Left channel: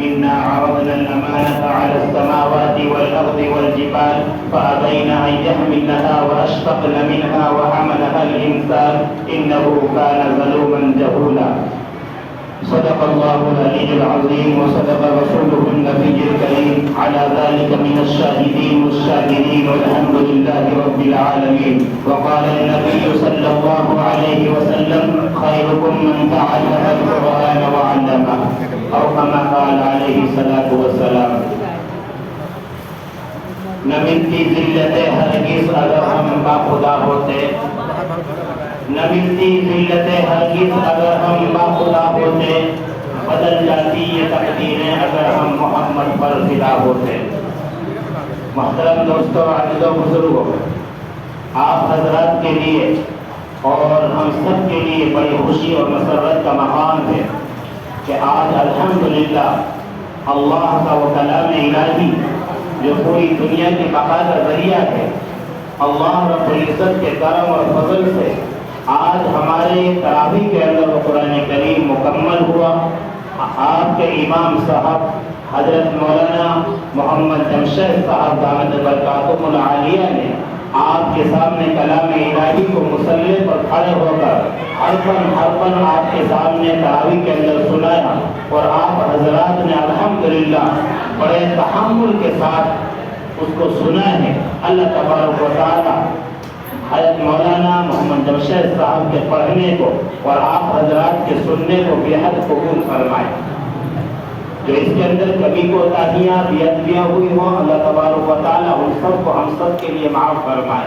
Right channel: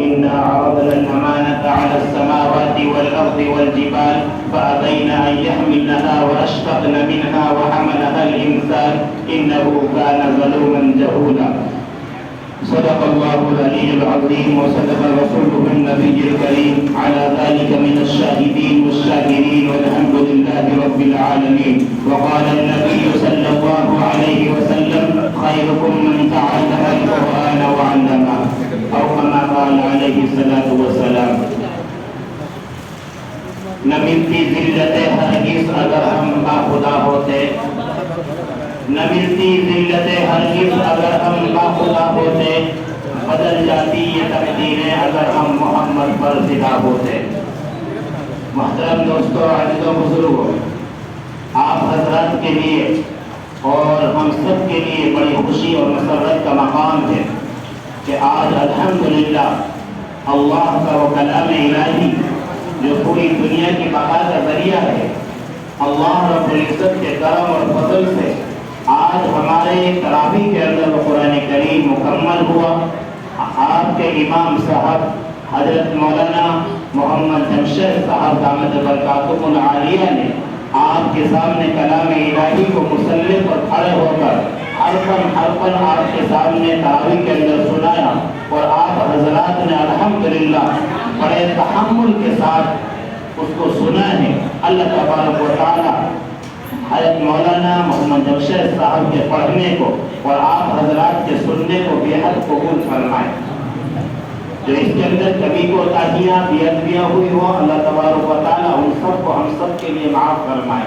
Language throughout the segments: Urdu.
إنا عرضنا الأمانة على السماوات والأرض والجبال فأبين أن يحملنها وأشفقن منها وحملها الإنسان إنه كان ظلوما جهولا. صدق الله العلي العظيم وصدق رسوله النبي الكريم على ذلك من الشاهدين والشاكرين والحمد لله رب العالمين. وقال النبي صلى الله عليه وسلم خيركم من تعلم القرآن وعلمه أو كما قال عليه الصلاة والسلام. نہ ملتی ذلت ہرگز اگر ہم باخدا ہوتے، نہ ملتی ذلت ہرگز اگر ہم باخدا ہوتے، بدل جاتی یہ تقدیریں اگر ہم محمد پر فدا ہوتے. محترم دوستو، عزیزو بزرگو، آپ حضرات کے لیے اور ہم سب کے لیے بڑی خوشی اور مسرت کا مقام ہے کہ آج الحمدللہ اللہ کا وہ کلام الہی جو پوری دنیا کی بقا کا ذریعہ ہے، اللہ رب العزت کے کرم اور فضل سے آج ہمارے تراویح کے اندر قرآن کریم مکمل ہوا. آپ کے امام صاحب حضرت مولانا محمد جمشید صاحب دامت برکاتہم العالیہ نے آپ کے سامنے کلام الہی کو مسلح پر کھڑے ہو کر حرفاً آپ کے سامنے تراویح کے اندر سنایا، اور آپ حضرات نے الحمدللہ بڑے تحمل کے ساتھ اس کو سنا ہے. اللہ تبارک و تعالی حضرت مولانا محمد جمشید صاحب کے پڑھنے کو اور آپ حضرات کے سننے کو بے حد قبول فرمائے. جو اس کے اندر کبھی کوتاہیاں بےادبیاں ہوئی ہوں، اللہ تبارک و تعالی ان سب کو ہم سب کے لیے معاف فرمائے.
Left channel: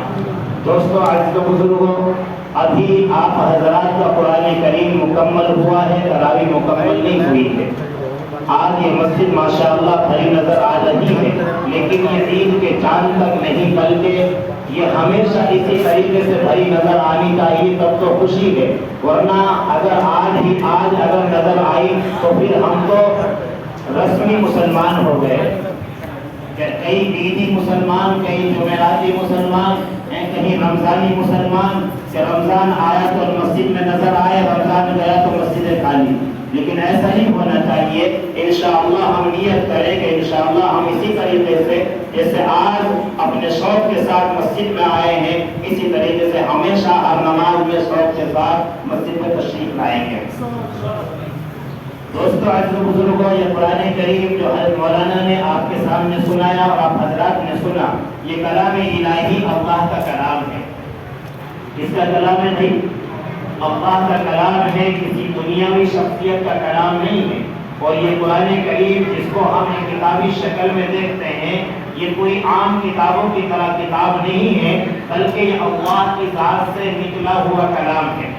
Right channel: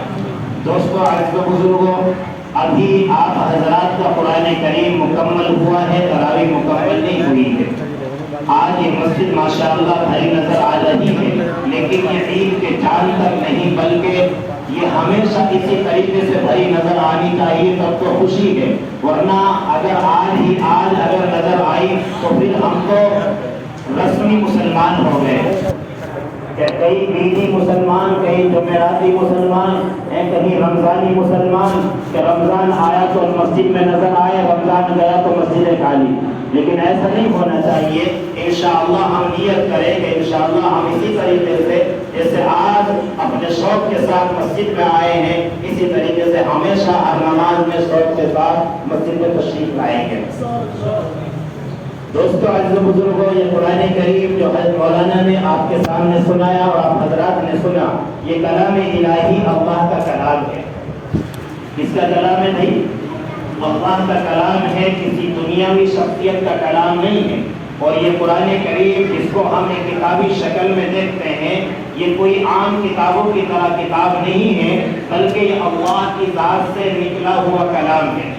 دوستو، عزیز و بزرگوں، ابھی آپ حضرات کا قرآن کریم مکمل ہوا ہے، تراویح مکمل نہیں ہوئی ہے. آج یہ مسجد ماشاءاللہ بھری نظر آ رہی ہے، لیکن یہ عید کے چاند تک نہیں بلکہ یہ ہمیشہ اسی طریقے سے بھری نظر آنی چاہیے، تب تو خوشی ہے. ورنہ اگر آج اگر نظر آئی تو پھر ہم تو رسمی مسلمان ہو گئے. کئی عیدی مسلمان، کئی جمعراتی مسلمان ہیں، کہیں رمضانی مسلمان کہ رمضان آیا تو مسجد میں نظر آئے، رمضان گیا تو مسجد خالی. لیکن ایسا نہیں ہونا چاہیے. انشاءاللہ ہم نیت کریں کہ انشاءاللہ ہم اسی طریقے سے جیسے آج اپنے شوق کے ساتھ مسجد میں آئے ہیں، اسی طریقے سے ہمیشہ ہر نماز میں شوق کے ساتھ مسجد میں تشریف لائیں گے. دوستو، عزیز و بزرگوں، یہ قرآن کریم جو حضرت مولانا نے آپ کے سامنے سنایا اور آپ حضرات نے سنا، یہ کلام الہی اللہ کا کلام ہے. کس کا کلام ہے بھائی؟ اللہ کا کلام ہے، کسی دنیاوی شخصیت کا کلام نہیں ہے. اور یہ قرآن کریم جس کو ہم ایک کتابی شکل میں دیکھتے ہیں، یہ کوئی عام کتابوں کی طرح کتاب نہیں ہے، بلکہ یہ اللہ کی ذات سے نکلا ہوا کلام ہے.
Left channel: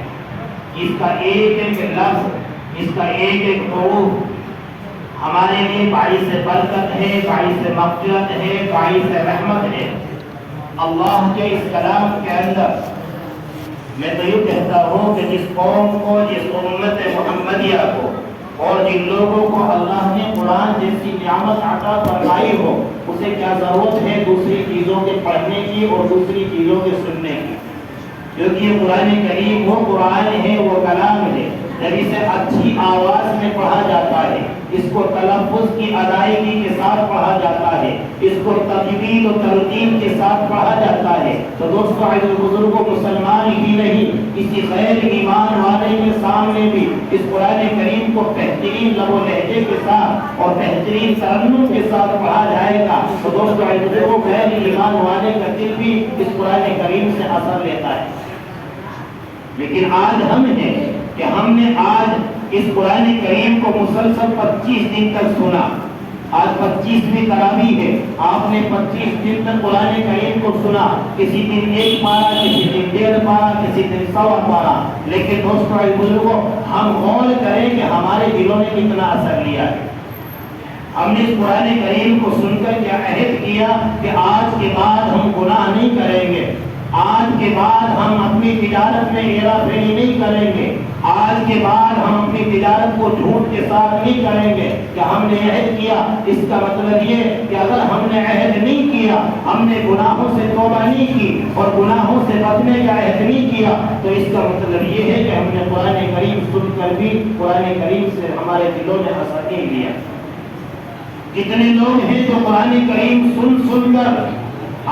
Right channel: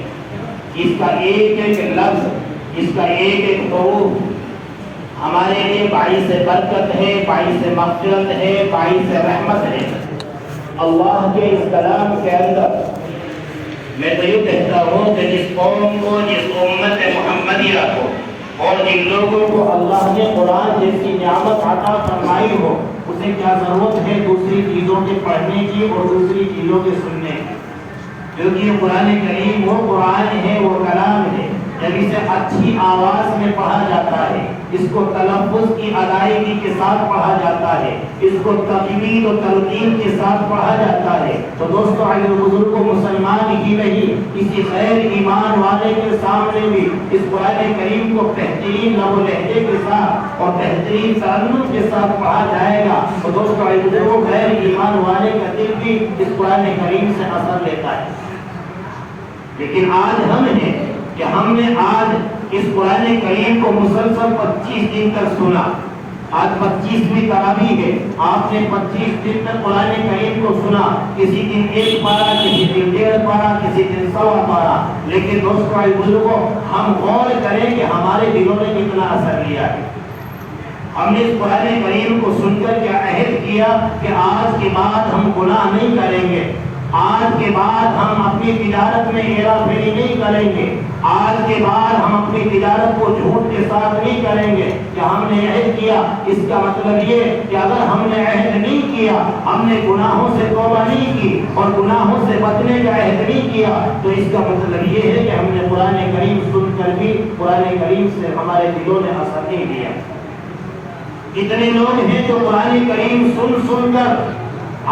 اس کا ایک ایک لفظ، اس کا ایک ایک حروف ہمارے لیے باعث برکت ہے، باعث مغفرت ہے، باعث رحمت ہے. اللہ کے اس کلام کے اندر میں تو یہ کہتا ہوں کہ جس قوم کو، جس امت محمدیہ کو اور جن لوگوں کو اللہ نے قرآن جیسی نعمت عطا فرمائی ہو، اسے کیا ضرورت ہے دوسری چیزوں کے پڑھنے کی اور دوسری چیزوں کے سننے کی. کیونکہ یہ قرآن کریم وہ قرآن ہے، وہ کلام ہے. جب اسے اچھی آواز میں پڑھا جاتا ہے، اس کو تلفظ کی ادائیگی کے ساتھ پڑھا جاتا ہے، اس کو تجوید و تلقین کے ساتھ پڑھا جاتا ہے، تو دوستو، عزیز و بزرگوں، مسلمان ہی نہیں، کسی غیر ایمان والے کے سامنے بھی اس قرآن کریم کو بہترین لب و لہجے کے ساتھ اور بہترین ترنم کے ساتھ پڑھا جائے گا تو دوستو، عزیز و بزرگوں، غیر ایمان والے کا دل بھی اس قرآن کریم سے اثر لیتا ہے. لیکن آج ہم ہیں کہ ہم نے آج اس قرآن کریم کو مسلسل 25 دن تک سنا. آج 25ویں تراویح ہے، آپ نے 25 دن تک قرآن کریم کو سنا. کسی دن 1 پارہ، کسی دن 1.5 پارہ، کسی دن 1.25 پارہ. لیکن دوستو، بزرگوں، ہم غور کریں کہ ہمارے دلوں نے کتنا اثر لیا ہے. ہم نے اس قرآن کریم کو سن کر کیا عہد کیا کہ آج کے بعد ہم گناہ نہیں کریں گے، آج کے بعد ہم اپنی تجارت میں ہیرا پھیری نہیں کریں گے، آج کے بعد ہم اپنی تجارت کو جھوٹ کے ساتھ نہیں کریں گے. کہ ہم نے عہد کیا، اس کا مطلب یہ کہ اگر ہم نے عہد نہیں کیا، ہم نے گناہوں سے توبہ نہیں کی اور گناہوں سے بچنے کا عہد نہیں کیا، تو اس کا مطلب یہ ہے کہ ہم نے قرآن کریم سن کر بھی قرآن کریم سے ہمارے دلوں میں اثر نہیں دیا. کتنے لوگ ہیں جو قرآن کریم سن کر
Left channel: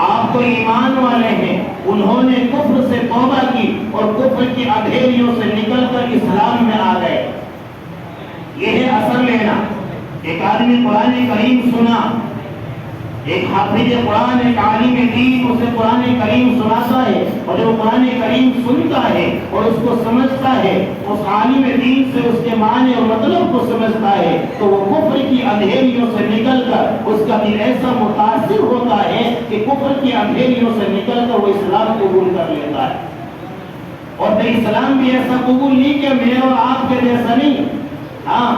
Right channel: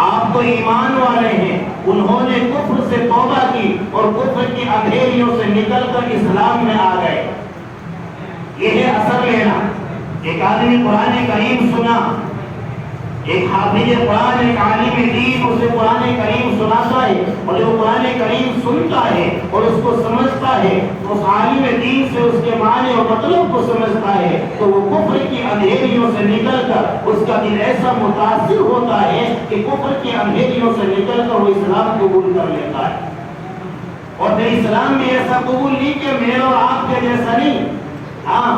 آپ کو ایمان والے ہیں، انہوں نے کفر سے توبہ کی اور کفر کی اندھیریوں سے نکل کر اسلام میں آ گئے۔ یہ ہے اثر لینا۔ ایک آدمی قرآن کریم سنا، ایک حافظ قرآن، ایک عالم دین اسے قرآن کریم سناتا ہے، اور جب قرآن کریم سنتا ہے اور اس کو سمجھتا ہے، اس عالم دین سے اس کے معنی اور مطلب کو سمجھتا ہے، تو وہ کفر کی اندھیریوں سے نکل کر اس کا دل ایسا متاثر ہوتا ہے کہ کفر کی اندھیریوں سے نکل کر وہ اسلام قبول کر لیتا ہے۔ اور پھر اسلام میں ایسا قبول نہیں کہ میرے اور آپ کے جیسا نہیں، ہاں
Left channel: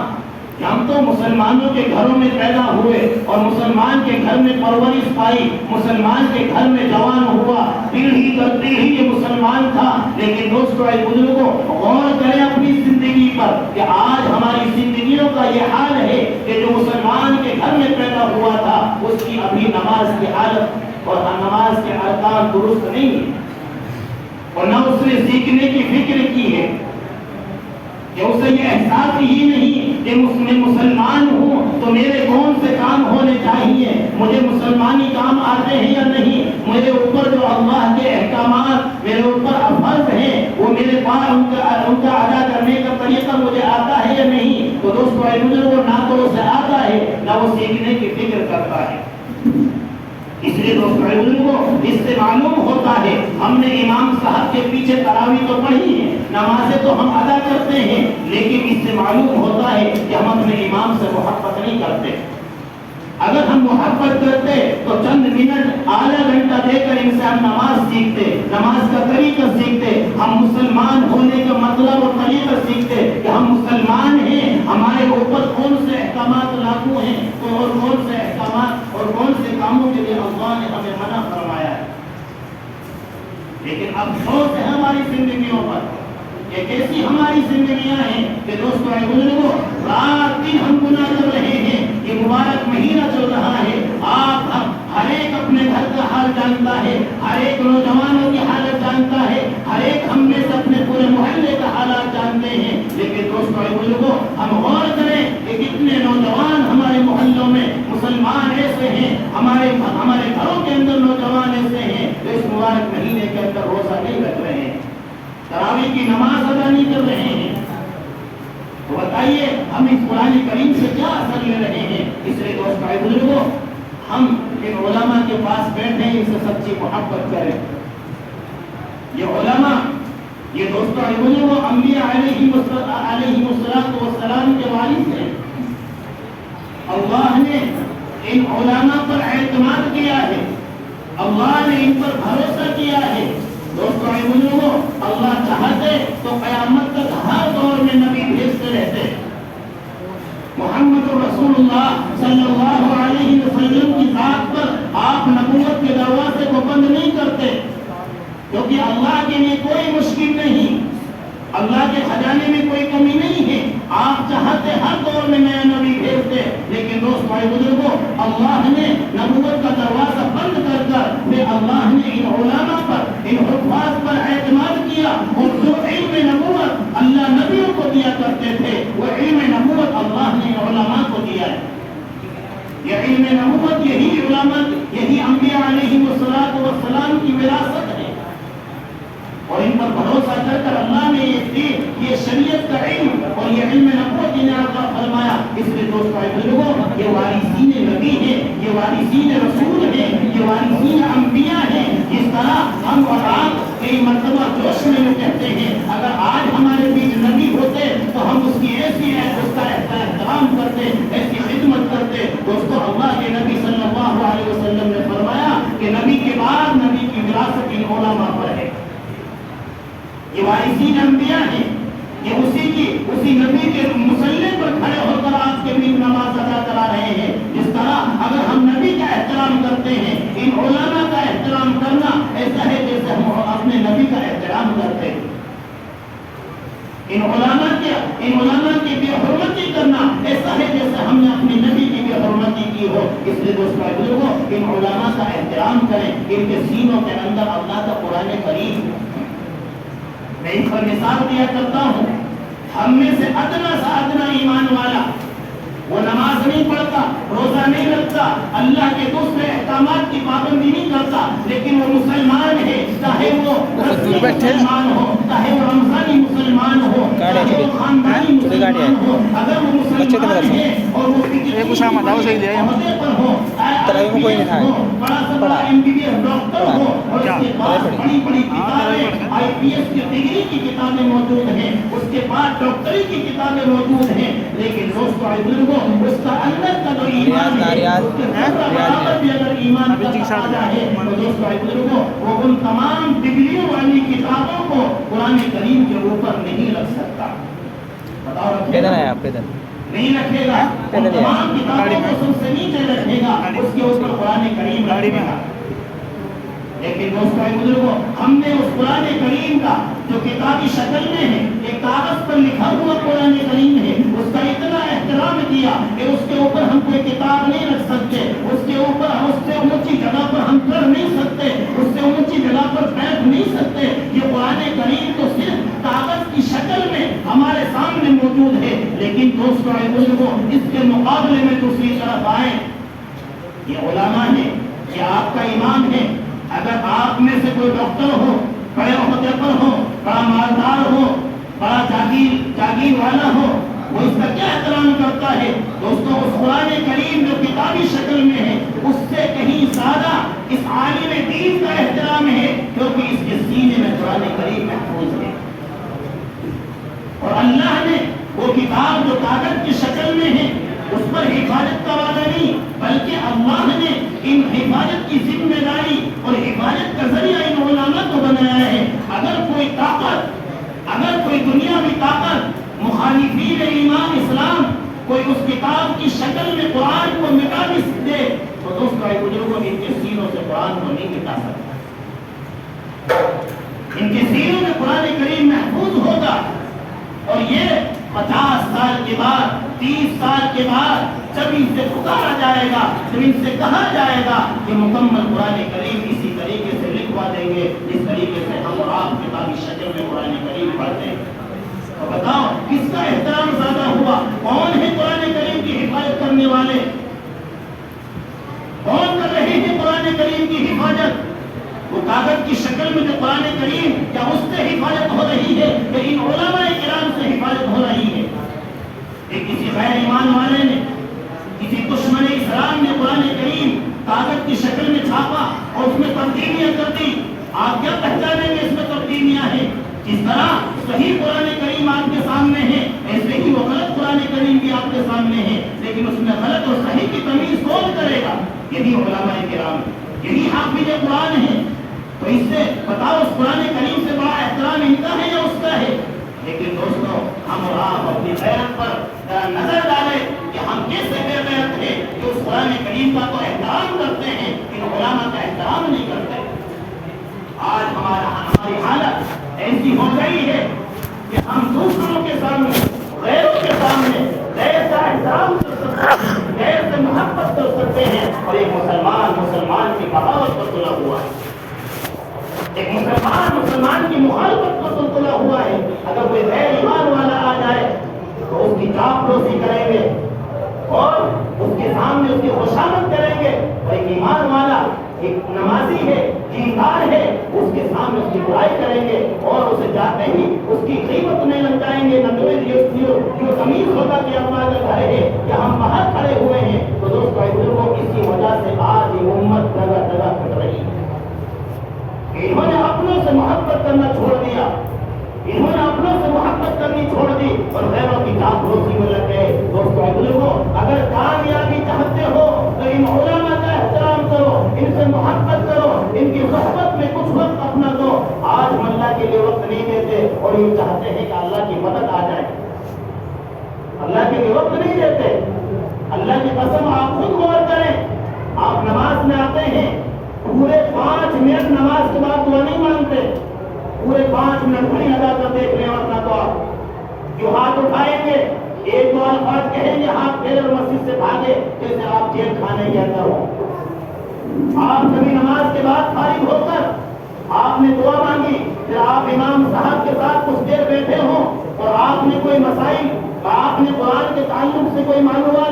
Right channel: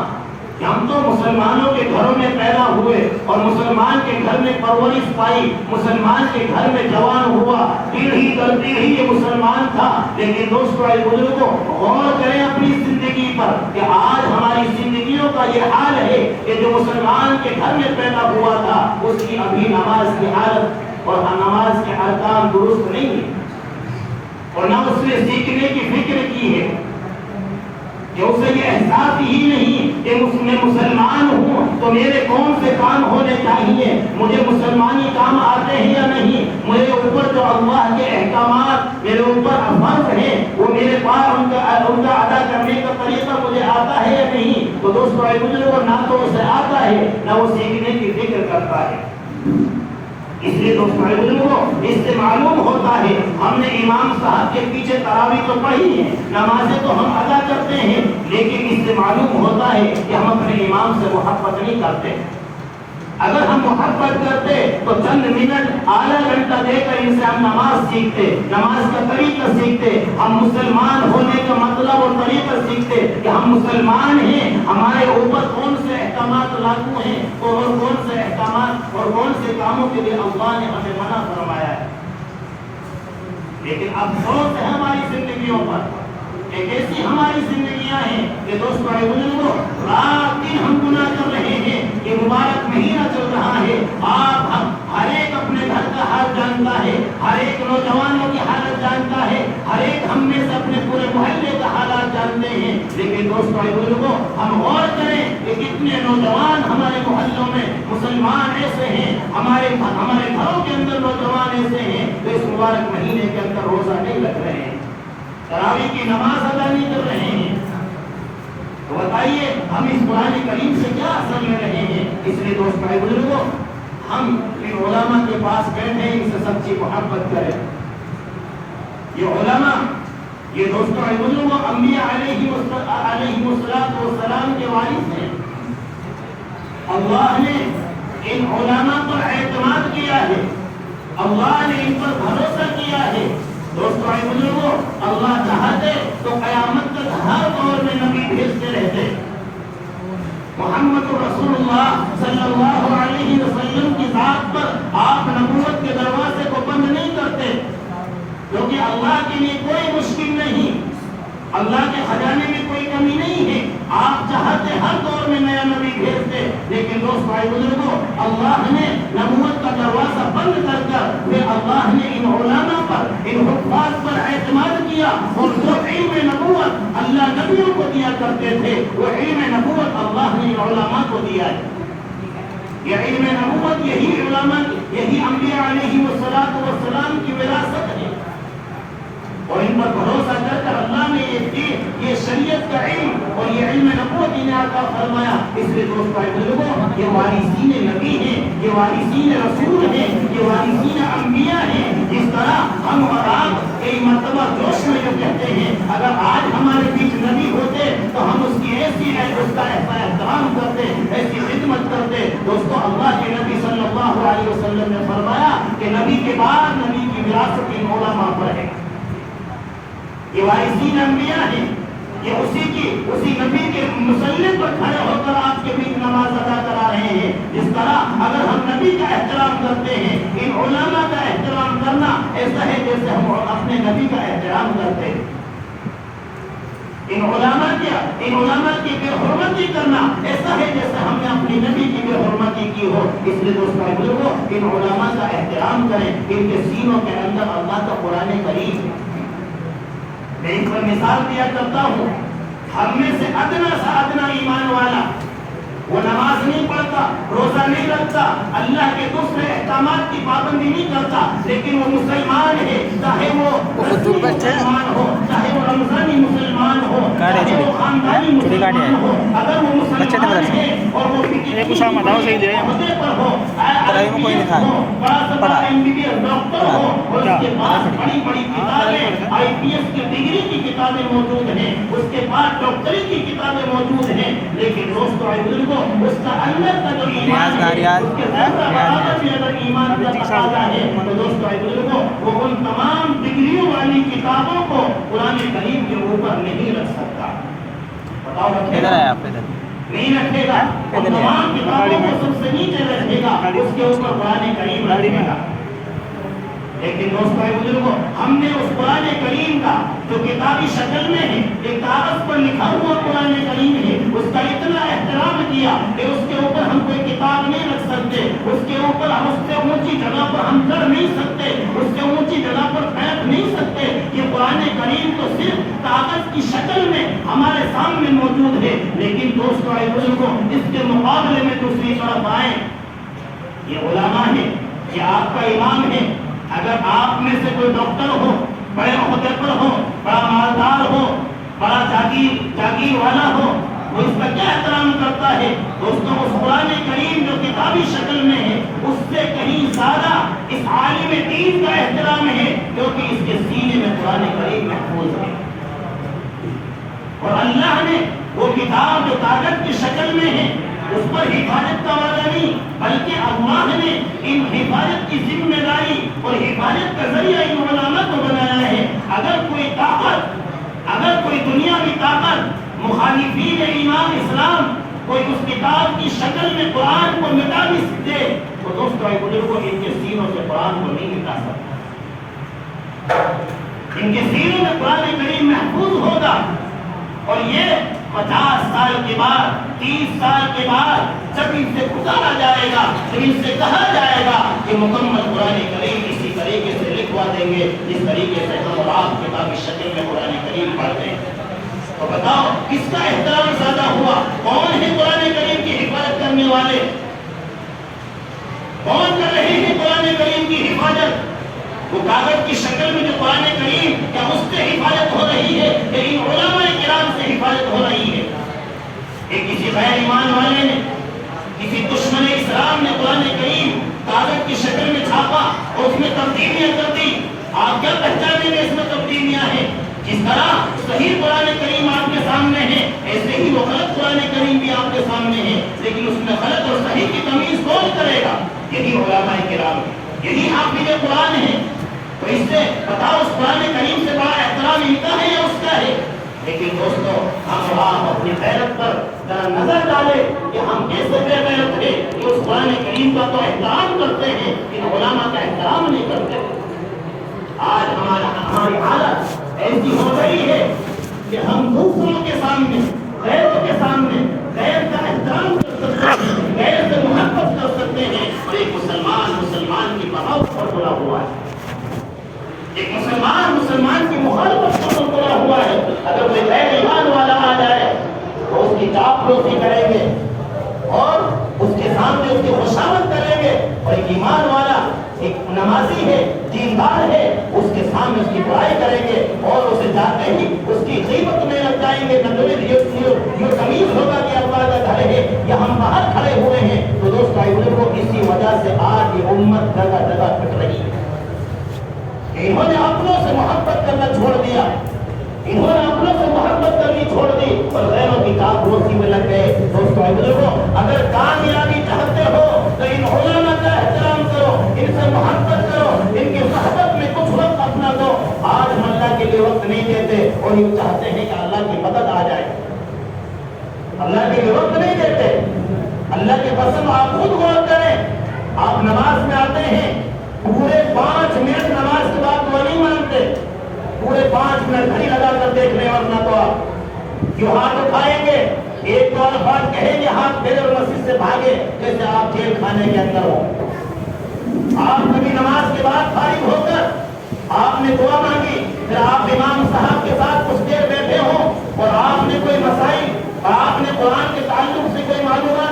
ہم تو مسلمانوں کے گھروں میں پیدا ہوئے اور مسلمان کے گھر میں پرورش پائی، مسلمان کے گھر میں جوان ہوا، پیڑھی در پیڑھی یہ مسلمان تھا۔ لیکن دوستو اے بزرگوں، غور کریں اپنی زندگی پر کہ آج ہماری زندگیوں کا یہ حال ہے کہ جو مسلمان کے گھر میں پیدا ہوا تھا اس کی ابھی نماز کی حالت اور نماز کے ارکان درست نہیں ہے، اور نہ اس نے سیکھنے کی فکر کی ہے، کہ اسے یہ احساس ہی نہیں کہ میں مسلمان ہوں تو میرے کون سے کام ہونے چاہیے، مجھے مسلمانی کام آتے ہیں یا نہیں، میرے اوپر جو اللہ کے احکامات میرے اوپر فرض ہیں وہ میرے پاس ان کا ادا کرنے کا طریقہ مجھے آتا ہے یا نہیں۔ تو دوستو اے بزرگوں، نہ تو اسے آتا ہے نہ وہ سیکھنے کی فکر کرتا ہے۔ اس لیے دوستو اے بزرگوں، اس سے معلوم ہوتا ہے ہم نے امام صاحب کے پیچھے تراویح تو پڑھی ہے، نمازیں تو ہم ادا کرتے ہیں، لیکن اس سے معلوم ہوتا ہے کہ ہم اپنے امام سے محبت نہیں کرتے۔ اگر ہم محبت کرتے تو چند منٹ آدھا گھنٹہ دے کر ان سے ہم نماز سیکھتے، نماز کا طریقہ سیکھتے، ہم مسلمان ہونے کا مطلب اور طریقہ سیکھتے کہ ہم مسلمان ہیں، ہمارے اوپر کون سے احکامات لاگو ہیں اور کون سے احکامات اور کون سے کاموں کے لیے اللہ نے ہمیں منع فرمایا ہے۔ لیکن افسوس ہے ہماری زندگیوں پر کہ کیسی ہماری زندگیاں ہیں کہ دوستو اے بزرگوں، رات دن ہم گناہ کر رہے ہیں۔ یہ مبارک مہینہ چل رہا ہے، آپ ہم ہر ایک اپنے گھر کا حال جانتا ہے، ہر ایک نوجوانوں کی حالت جانتا ہے، ہر ایک ہم میں سے اپنے پورے محلے کا حالات جانتے ہیں۔ لیکن دوستو اے بزرگوں، ہم غور کریں کہ کتنے نوجوان ہمارے محلوں میں مسلمان ایسے ہیں، ہمارے گھروں کے اندر نوجوان ایسے ہیں جو اس مبارک مہینے کے اندر روزہ نہیں رکھ رہے ہیں، تراویح کی نماز ادا نہیں کر رہے ہیں۔ تو بتائیے ہم اس قرآن کریم سے کیا اثر لے رہے ہیں؟ اس لیے دوستو اے بزرگوں، ہم ان علماء کے پاس بیٹھے ان سے سچی محبت کریں۔ یہ علماء، یہ دوستو اے بزرگوں، انبیاء علیہ السلام کے وارث ہیں۔ اللہ نے ان علماء پر اعتماد کیا ہے، اللہ نے ان پر بھروسہ کیا ہے۔ دوستو اے بزرگوں، اللہ چاہتے تو قیامت تک ہر دور میں نبی بھیجتے رہتے۔ محمد رسول اللہ صلی اللہ علیہ وسلم کی ذات پر آپ نبوت کے دروازے کو بند نہیں کرتے، کیونکہ اللہ کے لیے کوئی مشکل نہیں، اللہ کے خزانے میں کوئی کمی نہیں ہے۔ آپ چاہتے ہر دور میں نیا نبی بھیجتے، لیکن دوستو اے بزرگوں، اللہ نے نبوت کا دروازہ بند کر کر پھر اللہ نے ان علماء پر، ان حفاظ پر اعتماد کیا، اور جو علم نبوت اللہ نبیوں کو دیا کرتے تھے وہ علم نبوت اللہ نے ان علماء کو دیا ہے۔ یہ علم نبوت، یہی علماء، یہی انبیاء علیہ السلام کی وراثت ہے، اور ان پر بھروسہ کر کر اللہ نے یہ شریعت کا علم اور یہ علم نبوت انہیں عطا فرمایا۔ اس لیے دوستو اے بزرگوں، یہ وارثین نبی ہیں، یہ وارثین رسول ہیں، یہ وارثین انبیاء ہیں۔ اس طرح ہم اور آپ کئی مرتبہ جوش میں جو کہتے ہیں اگر آج ہمارے بیچ نبی ہوتے تو ہم اس کی ایسی احترام کرتے، ایسی خدمت کرتے۔ دوستو اللہ کے نبی صلی اللہ علیہ وسلم نے فرمایا کہ نبی کے بعد نبی کی وراثت ان علماء پر ہے۔ یہ وارثین انبیاء ہیں، یہ اسی نبی کے مسلح پر کھڑے ہو کر آپ کے بیچ نماز ادا کرا رہے ہیں۔ جس طرح اگر ہم نبی کا احترام کرتے ہیں، ان علماء کا احترام کرنا ایسا ہے جیسے ہم اپنے نبی کا احترام کرتے ہیں۔ ان علماء کی بے حرمتی کرنا ایسا ہے جیسے ہم نے اپنی نبی کی بے حرمتی کی ہو۔ اس لیے دوستو اے بزرگوں، ان علماء کا احترام کریں، ان کے سینوں کے اندر اللہ کا قرآن کریم ہے۔ میں اس پر مثال دیا کرتا ہوں، ہم میں سے ادنا سا ادنا ایمان والا وہ نماز نہیں پڑھتا, روزہ نہیں رکھتا, اللہ کے دوسرے احکامات کی پابندی نہیں کرتا, لیکن وہ مسلمان ہے, چاہے وہ مسلمان ہو, چاہے وہ رمضانی مسلمان ہو, چاہے وہ خاندانی مسلمان ہو, اگر وہ مسلمان ہے اور وہ عہدے پر ہو, بڑا سا بڑا MBBS ڈاکٹر ہو, اور اس کے پاس بڑی بڑی کتابیں IPS کی ڈگری کی کتابیں موجود ہیں, اس کے پاس ڈاکٹری کی کتابیں موجود ہیں, لیکن دوستو اے بزرگوں اس کا اندر کا جو ایمان ہے, اس کے برابر بھی اگر ایمان کا تقاضا ہے تو دوستو اے بزرگوں وہ ان تمام ڈگریوں والی کتابوں کو قرآن کریم کے اوپر نہیں رکھ سکتا. بتاؤ رکھے گا؟ نہیں رکھے گا. تمام کتابوں کو سب سے نیچے رکھے گا, اس کے اوپر قرآن کریم رکھے گا. لیکن دوستو اے بزرگوں ہم نے اس قرآن کریم کا جو کتابی شکل میں ہے, ایک کاغذ پر لکھا ہوا قرآن کریم ہے, اس کا اتنا احترام کیا کہ اس کے اوپر ہم کوئی کتاب نہیں رکھ سکتے, اس کے اوپر ہم اس سے اونچی جگہ پر ہم چڑھ نہیں سکتے, اس سے اونچی جگہ پر بیٹھ نہیں سکتے. یہ قرآن کریم تو صرف کاغذ کی شکل میں ہمارے سامنے موجود ہے, لیکن دوستو اے بزرگوں اس کے مقابلے میں دوسری طرف آئیں, یہ علماء ہے, یہ آپ کا امام ہے. اگر آپ میں سے کوئی ڈاکٹر ہو, بڑے عہدے پر ہو, بڑا مالدار ہو, بڑا جاگیر والا ہو, وہ اس کا کیا احترام کرتا ہے؟ دوستوں اس قرآن کریم جو کتابی شکل میں ہے اس سے کہیں زیادہ اس عالم دین کا احترام ہے, کیونکہ اس کے سینے میں قرآن کریم محفوظ ہے. اور اللہ نے وہ کتاب جو کاغذ کی شکل میں ہے اس پر حفاظت کا وعدہ نہیں, بلکہ اللہ نے ان حفاظت کی ذمہ داری اور حفاظت کا ذریعہ ان علماء کو بنایا ہے. اگر کوئی طاقت, اگر کوئی دنیاوی طاقت مخالفین ایمان اسلام کوئی اس کتاب کی شکل میں قرآن کو مٹا بھی دے تو دوستو اے بزرگوں ان کے سینوں سے قرآن کو نہیں مٹا سکتا. ان کے سینوں میں قرآن کریم محفوظ ہوگا. اور یہ 50 سال کے بعد, 30 سال کے بعد جب ان سے پکارا جائے گا, جب ان سے کہا جائے گا کہ مکمل قرآن کریم اسی طریقے سے لکھوا دیں گے جس طریقے سے ہم اور آپ کتابی شکل میں قرآن کریم پڑھتے ہیں, تو بتاؤ کس کا احترام زیادہ ہوا؟ کون ہے قرآن کریم کی حفاظت کرنے والے؟ کون کر رہے ہیں قرآن کریم کی حفاظت؟ وہ کاغذ کی شکل میں جو قرآن کریم, کیا اس سے حفاظت ہو رہی ہے کہ ان علماء کرام سے حفاظت ہو رہی ہے؟ کہ کسی غیر ایمان والے نے, کسی دشمن اسلام نے قرآن کریم کاغذ کی شکل میں چھاپا اور اس میں تبدیلیاں کر دی. آپ کیا پہچانیں گے اس میں تبدیلیاں ہیں؟ جس طرح صحیح قرآن کریم آپ کے سامنے ہے, ایسے ہی وہ غلط قرآن کریم بھی آپ کے سامنے ہے, لیکن اس میں غلط اور صحیح کی تمیز کون کرے گا؟ یہی علماء کرام ہے, یہی حافظ قرآن ہے. تو اس سے بتاؤ اس قرآن کریم سے بڑا احترام ان کا ہے یا اس کا ہے؟ لیکن دوستو ہم اور آپ اپنی غیرت پر ذرا نظر ڈالیں کہ ہم کیسے بے غیرت ہیں کہ اس قرآن کریم کا تو احترام کرتے ہیں کہ علماء کا احترام نہیں کرتے. آج ہماری حالت ایسی ہو گئی ہے کہ ہم دوسروں کے سامنے, غیروں کے سامنے غیر کا احترام کر سکتے ہیں, غیر سے محبت کر سکتے ہیں, اور ایک مسلمان کی بغاوت پر تلا ہوا ہے, ایک مسلمان کی مخالفت پر تلا ہوا ہے. اگر کوئی غیر ایمان والا آ جائے تو اس کی چاپلوسی کریں گے اور اس کے سامنے اس کی خوشامد کریں گے, اور ایک ایمان والا, ایک نمازی ہے, دیندار ہے, اس کے سامنے اس کی برائی کریں گے اور اسے جاتے ہی اس کی قیمت میں لگ جائیں گے. یہ تمیز ہوگا کہ اللہ کا گھر ہے یا ہم باہر کھڑے ہوئے ہیں. تو دوستو اے بزرگوں اسی وجہ سے آج یہ امت جگہ جگہ پھٹ رہی ہے. انہوں نے اپنوں سے محبت کرنا چھوڑ دیا, انہوں نے اپنوں سے محبت کرنی چھوڑ دی اور غیروں کی چاپلوسی میں لگ گئے. دوستو اے بزرگوں اگر کامیابی چاہتے ہو تو ان علماء کا احترام کرو, ان سے محبت کرو, ان کی صحبت میں کچھ وقت اپنا دو. آج ہم اللہ کے لیے وقت نہیں دیتے اور یہ چاہتے ہیں کہ اللہ کی مدد آ جائے. اللہ کے لیے وقت نہیں دیتے. اللہ کی قسم آپ خود غور کریں, آپ نماز میں آتے ہیں, پورے 5 منٹ نماز کے بعد دعا نہیں مانگتے, پورے 5 منٹ گھڑی لگا کر دیکھ رہے, ورنہ تو آپ جو ہاتھ اٹھائیں گے, ایک دو الفاظ کہیں گے, ہاتھ پھیرے اور مسجد سے بھاگے جیسے آپ جیل کھانے کے اندر ہو. آپ کبھی نماز کے بعد فارغ ہو کر آپ نے دعا مانگی, پھر آپ امام صاحب کے ساتھ کچھ دیر بیٹھے ہوں اور آپ نے کوئی مسائل آپ نے قرآن کے تعلق سے کوئی معلومات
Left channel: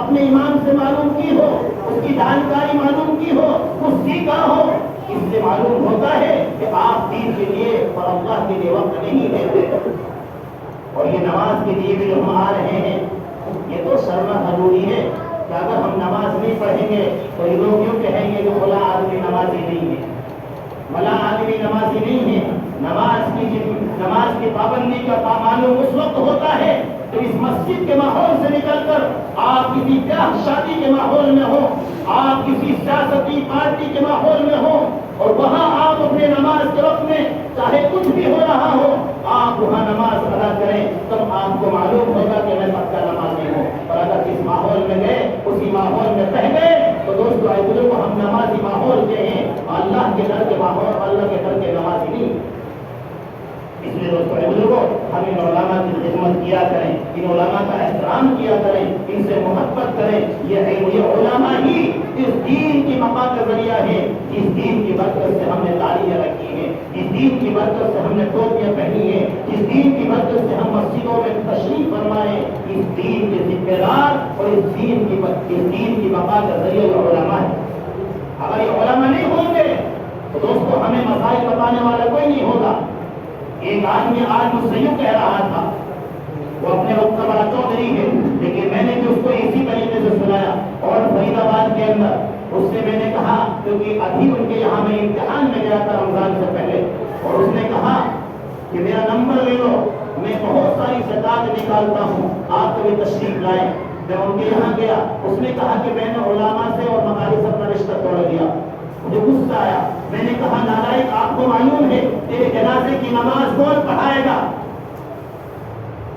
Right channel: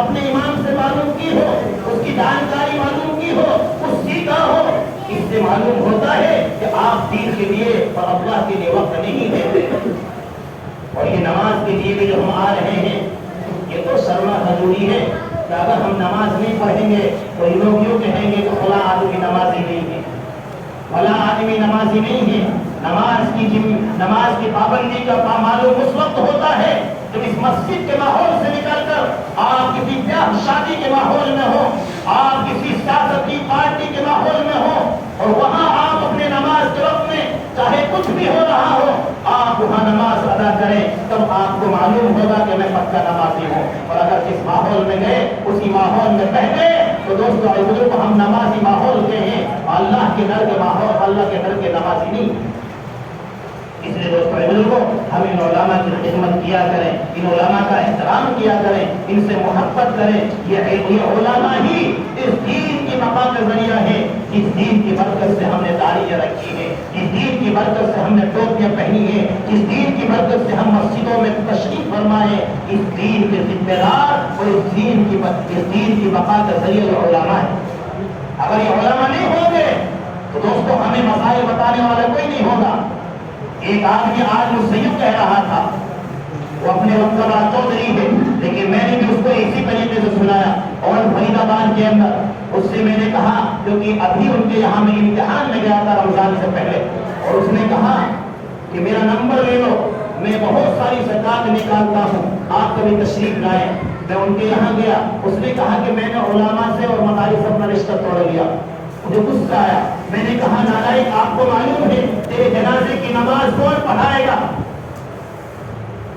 اپنے امام سے معلوم کی ہو، اس کی جانکاری معلوم کی ہو، کچھ سیکھا ہو، اس سے معلوم ہوتا ہے کہ آپ دین کے لیے اور اللہ کے لیے وقت نہیں دیتے۔ اور یہ نماز کے لیے بھی جو ہم آ رہے ہیں، یہ تو سرما ضروری ہے کہ اگر ہم نماز نہیں پڑھیں گے تو یہ لوگ یوں کہیں گے کہ فلاں آدمی نمازی نہیں ہے، فلاں آدمی نمازی نہیں ہے۔ نماز کی پابندی کا معلوم اس وقت ہوتا ہے جب اس مسجد کے ماحول سے نکل کر آپ کسی بیاہ شادی کے ماحول میں ہو، آپ کسی سیاسی پارٹی کے ماحول میں ہو، اور وہاں آپ اپنے نماز کے وقت میں چاہے کچھ بھی ہو رہا ہو، آپ وہاں نماز ادا کریں، تب آپ کو معلوم ہوگا کہ میں پکا نمازی ہوں۔ اور اگر جس ماحول میں گئے اسی ماحول میں بہ گئے تو دوستو بزرگ ہم نمازی ماحول کے ہیں، اللہ کے ڈر کے ماحول، اللہ کے ڈر کے نمازی نہیں۔ اس لیے دوستو بزرگوں ہم ان علماء کی خدمت کیا کریں، ان علماء کا احترام کیا کریں، ان سے محبت کریں۔ یہ علماء ہی اس دین کی بقا کا ذریعہ ہے۔ اس دین کی برکت سے ہم نے داڑیاں رکھی ہیں، اس دین کی برکت سے ہم نے ٹوپیاں پہنی ہیں، اس دین کی برکت سے ہم مسجدوں میں تشریف فرمائے۔ اس دین کے ذمہ دار اور اس دین کی بقا کا ذریعہ جو علماء ہے۔ اگر یہ علماء نہیں ہوں گے تو دوستو ہمیں مسائل بتانے والا کوئی نہیں ہوگا۔ ایک آدمی آج مجھ سے یوں کہہ رہا تھا، وہ اپنے وقت پر چودھری ہے، لیکن میں نے بھی اس کو اسی طریقے سے سنایا۔ اور فرید آباد کے اندر اس سے میں نے کہا، کیونکہ ابھی ان کے یہاں میں امتحان میں گیا تھا رمضان سے پہلے، اور اس نے کہا کہ میرا نمبر لے لو، میں بہت ساری زکات نکالتا ہوں، آپ کبھی تشریف لائیں۔ میں ان کے یہاں گیا، اس نے کہا کہ میں نے علماء سے اور مدارس سے اپنا رشتہ توڑ لیا۔ مجھے غصہ آیا، میں نے کہا نالائق آپ کو معلوم ہے تیرے جنازے کی نماز کون پڑھائے گا؟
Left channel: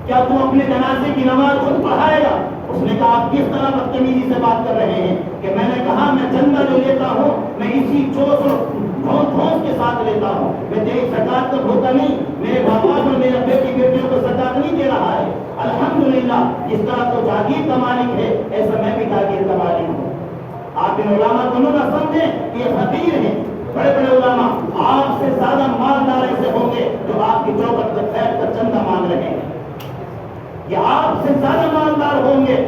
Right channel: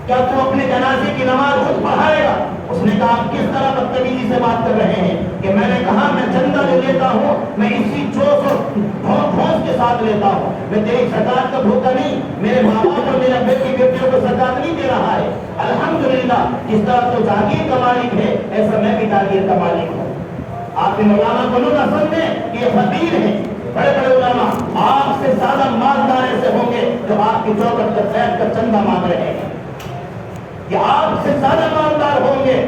کیا تم اپنے جنازے کی نماز خود پڑھائے گا؟ اس نے کہا آپ کس طرح بدتمیزی سے بات کر رہے ہیں؟ کہ میں نے کہا میں چندہ جو لیتا ہوں میں اسی چوس اور ڈھونس کے ساتھ لیتا ہوں، میں تیری زکات کا بھوکا نہیں، میرے ماں باپ اور میرے بیٹی بیٹیوں کو زکات نہیں دے رہا ہے۔ الحمدللہ جس طرح تو جاگیر کا مالک ہے ایسا میں بھی جاگیر کا مالک ہوں۔ آپ ان علماء کو نہ سمجھیں کہ یہ فقیر ہیں، بڑے بڑے علماء آپ سے زیادہ مالدار ایسے ہوں گے جو آپ کی چوکٹ پر بیٹھ کر چندہ مانگ رہے ہیں، یہ آپ سے زیادہ مالدار ہوں گے۔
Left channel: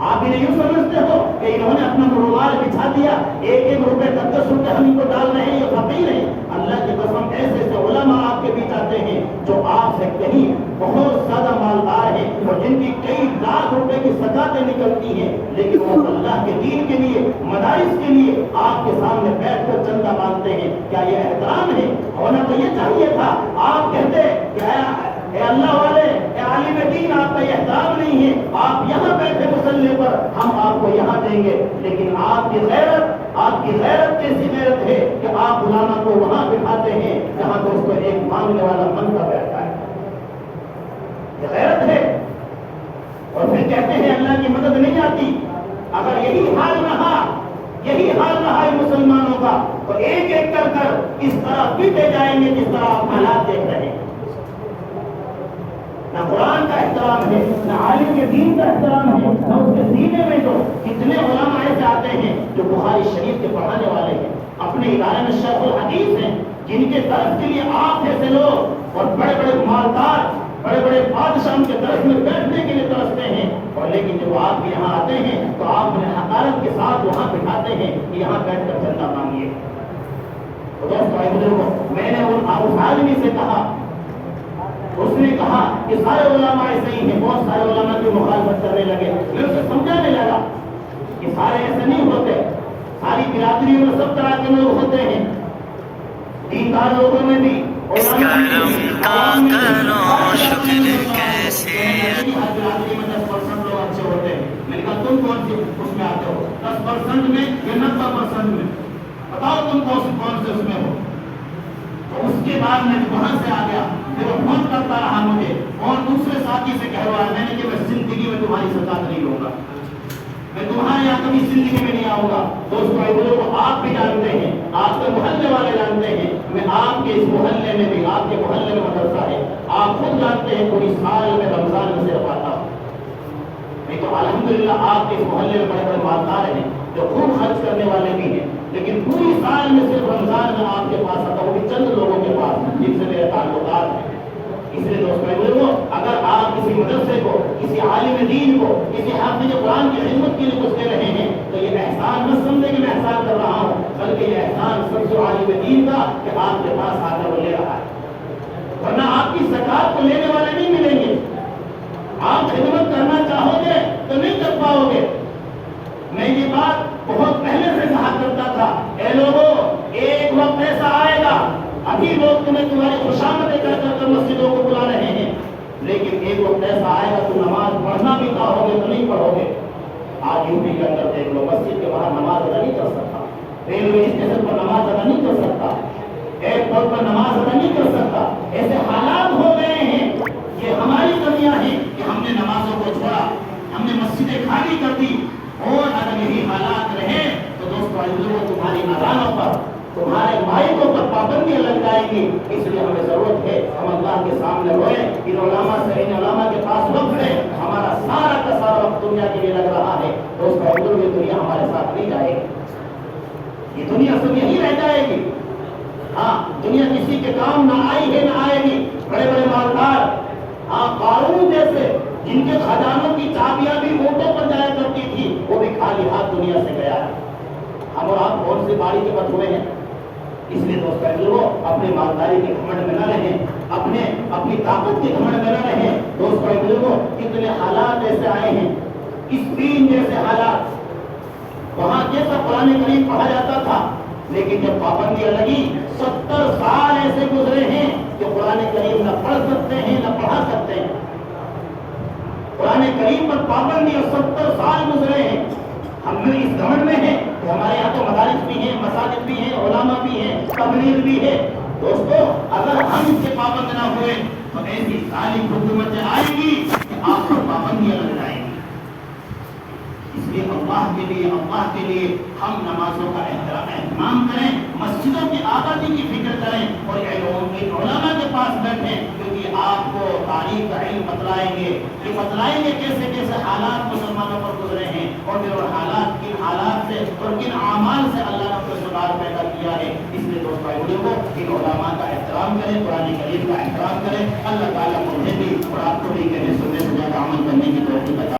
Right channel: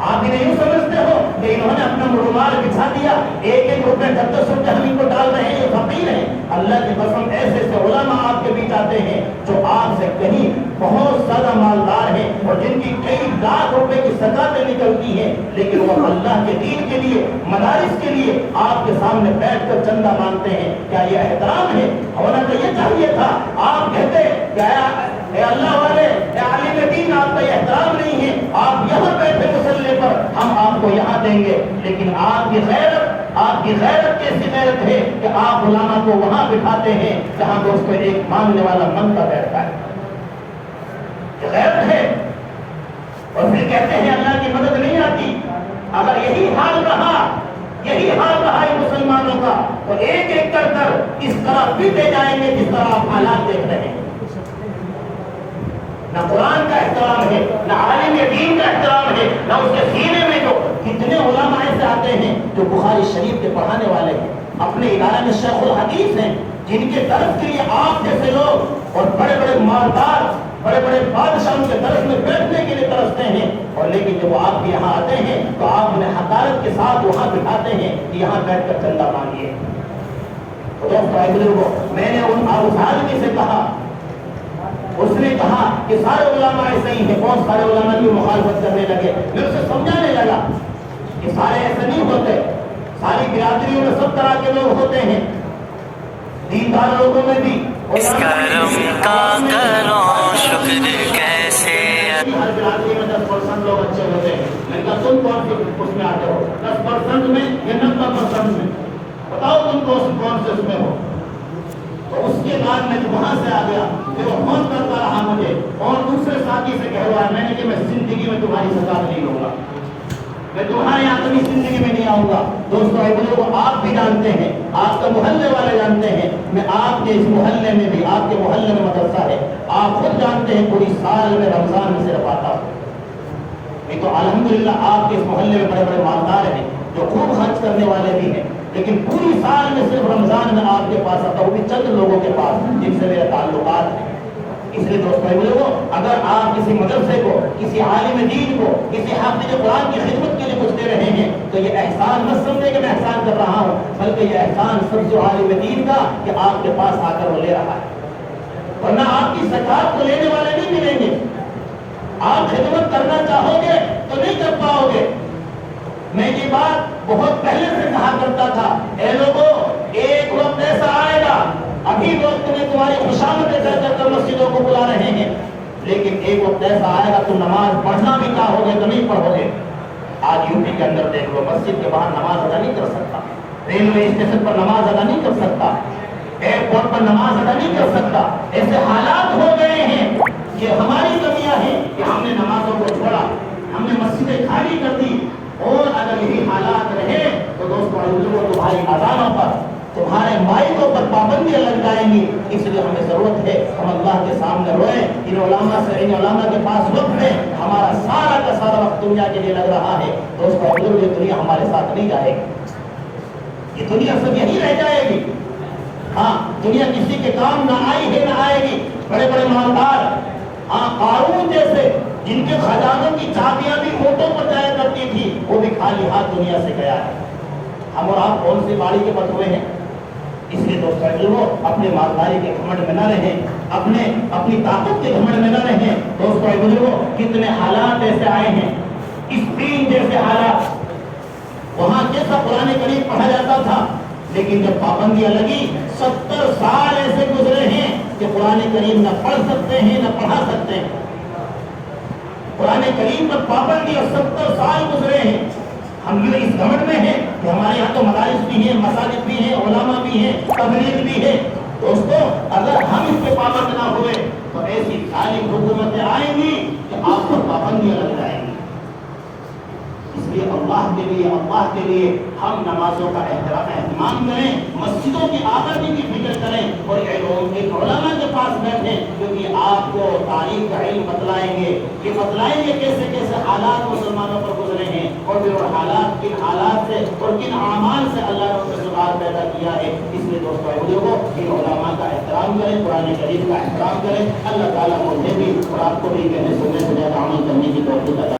آپ انہیں یوں سمجھتے ہو کہ انہوں نے اپنا رومال بچھا دیا، ایک ایک روپے 10 روپے ہم ان کو ڈال رہے ہیں، یہ فقیر ہیں۔ اللہ کے قسم ایسے ایسے علماء آپ کے بیچ آتے ہیں جو آپ سے کہیں بہت زیادہ مالدار ہیں اور جن کی کئی لاکھ روپے کی زکاتیں نکلتی ہیں، لیکن وہ اللہ کے دین کے لیے، مدارس کے لیے آپ کے سامنے بیٹھ کر چندہ مانگتے ہیں۔ کیا یہ احترام ہے؟ ہونا تو یہ چاہیے تھا آپ کہتے کہ اے اللہ والے، اے عالم دین، آپ کا یہ احترام نہیں ہے، آپ یہاں بیٹھے مسلے پر، ہم آپ کو یہاں دیں گے۔ لیکن آپ کی غیرت کیسی غیرت ہے کہ آپ علماء کو وہاں بٹھاتے ہیں جہاں دوستو ایک مانگنے والا منتا بیٹھتا ہے۔ یہ غیرت ہے۔ اور پھر کہتے ہیں اللہ کی مدد نہیں آتی۔ اگر یہی حال رہا ان مسلمانوں کا تو ایک ایک کر اس طرح پیٹے جائیں گے جس طرح آپ حالات دیکھ رہے ہیں۔ نہ قرآن کا احترام ہے، نہ عالم دین کا احترام ہے، نہ اس کے سینے میں جو اتنے علماء ایسے آتے ہیں جو بخاری شریف کے پڑھانے والے ہیں، اپنے ادارے میں شیخ الحدیث ہیں، جن کے درس کے لیے آپ جیسے لوگ اور بڑے بڑے مالدار، بڑے بڑے بادشاہ ان کے درس میں بیٹھنے کے لیے ترستے ہیں، اور لیکن جب آپ یہاں آتے ہیں تو آپ انہیں حقارت کے ساتھ وہاں بٹھاتے ہیں کہ یہاں بیٹھ کر چندہ مانگیے۔ تو دوستو میں نے اس آدمی سے کہا، اس نے کہا کہ سارے علماء ایسے ہی ہیں، بہت سارے علماء کی مخالفت کرنے لگے۔ میں اسے سمجھانے لگا کہ سارے ایسے نہیں ہوتے، ساری برادریوں میں سب طرح کے لوگ ہوتے ہیں، دیندار لوگوں میں بھی، اس کرم کا کرو شکر کیسے، ہر برادری میں 10% لوگ اچھے ہوتے ہیں۔ میں نے کہا تم کون سی اس میں آتے ہو؟ 10% میں یا 90% میں؟ بتاؤ تم کون سے اس میں ہو؟ تو اس کے بعد میں وہاں سے آ گیا، پھر وہ فون کرتا رہا مجھے، اور دوسرے ساتھی سے کہلوایا میں نے کہ میں زندگی میں تمہاری زکات نہیں لوں گا، میں تمہارے یہاں کبھی زندگی میں نہیں آؤں گا۔ دوستو لوگ آپ بھی جانتے ہیں، آپ کے محلے والے جانتے ہیں، میں آپ کے اس محلے میں بھی، آپ کے محلے میں مدرسہ ہے، آپ خود جانتے ہیں پوری سال میں رمضان میں صرف آتا ہوں۔ ایک تو الحمدللہ آپ کے اس محلے میں بڑے بڑے مالدار ہیں جو خوب خرچ کرنے والے بھی ہیں، لیکن پوری سال میں صرف رمضان میں آپ کے پاس آتا ہوں، وہ بھی چند لوگوں کے پاس جن سے میرے تعلقات ہیں۔ اس لیے دوستوں اگر آپ کسی مدرسے کو، کسی عالم دین کو، کسی حافظ قرآن کی خدمت کے لیے کچھ دے رہے ہیں تو یہ احسان مت سمجھے کہ میں احسان کر رہا ہوں، بلکہ یہ احسان سب جو عالم دین کا کہ آپ کے پاس آ کر وہ لے رہا ہے، ورنہ آپ کی زکات کو لینے والے نہیں ملیں گے۔ آپ خدمت کرنا چاہو گے تو نہیں کر پاؤ گے۔ میں یہ بات بہت پہلے سے کہا کرتا تھا، اے لوگوں ایک وقت ایسا آئے گا، ابھی لوگ تمہاری خوشامدیں کر کر مسجدوں کو بلا رہے ہیں، لیکن ایک وقت ایسا آئے گا تم نماز پڑھنا بھی چاہو گے تو نہیں پڑھو گے۔ آج یو پی کے اندر دیکھ لو، مسجد کے باہر نماز ادا نہیں کر سکتا، ریلوے اسٹیشن پر نماز ادا نہیں کر سکتا، ایئرپورٹ پر نماز ادا نہیں کر سکتا۔ ایسے حالات ہو گئے ہیں، یہ ہماری کمیاں ہیں کہ ہم نے نمازوں کو چھوڑا، ہم نے مسجدیں خالی کر دی۔ اور اگر یہی حالات رہے تو دوستوں تمہاری اذانوں پر، تمہارے مائکوں پر پابندیاں لگ جائیں گی۔ اس لیے ہمیں ضرورت ہے ہم اللہ کے سامنے روئیں۔ ان علماء کے پاس وقت ہے، ہمارا سارا کا سارا وقت دنیا کے لیے لگ رہا ہے۔ دوستوں یہ دنیا ہمارے ساتھ نہیں جائے گی، یہ دنیا سب یہی رہ جائے گی۔ ہاں دنیا کسی کے کام نہ آئی ہے نہ آئے گی۔ بڑے بڑے مالدار، ہاں قارون جیسے جن کے خزانوں کی چابیاں بھی اونٹوں پر جایا کرتی تھی، وہ بھی خالی ہاتھ دنیا سے گیا ہے۔ ہم اور آپ کون سی باری کے بد ہوئے ہیں؟ اس لیے دوستوں اپنے مالداری کے گھمنڈ میں نہ رہیں، اپنی طاقت کے گھمنڈ میں نہ رہیں۔ دوستوں کتنے حالات ایسے آئے ہیں، اسپین جیسے حالات، وہاں کیسا قرآن کریم پڑھا جاتا تھا، لیکن جب پابندیاں لگی 70 سال ایسے گزرے ہیں کہ قرآن کریم نہ پڑھ سکتے ہیں نہ پڑھا سکتے ہیں۔ قرآن کریم پر پابندی اور 70 سال گزرے ہیں۔ ہم جو اس گھمنڈ میں ہیں کہ ہمارے یہاں تو مدارس بھی ہیں، مساجد بھی ہیں، علماء بھی ہیں، تبلیغ بھی ہے۔ دوستو اگر ہم اس کے پابند نہ ہوئے تو ایسی ظالم حکومتیں آئیں گی کہ آپ پر پابندیاں لگ جائیں گی۔ اس لیے اللہ کے لیے ہم نمازوں کا اہتمام کریں، مسجدوں کی آبادی کی فکر کریں، اور علماء کے پاس بیٹھیں، کیونکہ آپ کو تاریخ کا علم بتلائیں گے، یہ بتلائیں گے کیسے کیسے حالات مسلمانوں پر گزرے ہیں، اور پھر کن حالات سے اور کن اعمال سے اللہ نے سدھار پیدا کیا ہے۔ اس لیے دوستوں ان علماء کا احترام کریں، قرآن کریم کا احترام کریں۔ اللہ تعالیٰ مجھے بھی اور آپ کو بھی کہنے سننے سے زیادہ عمل کرنے کی توفیق عطا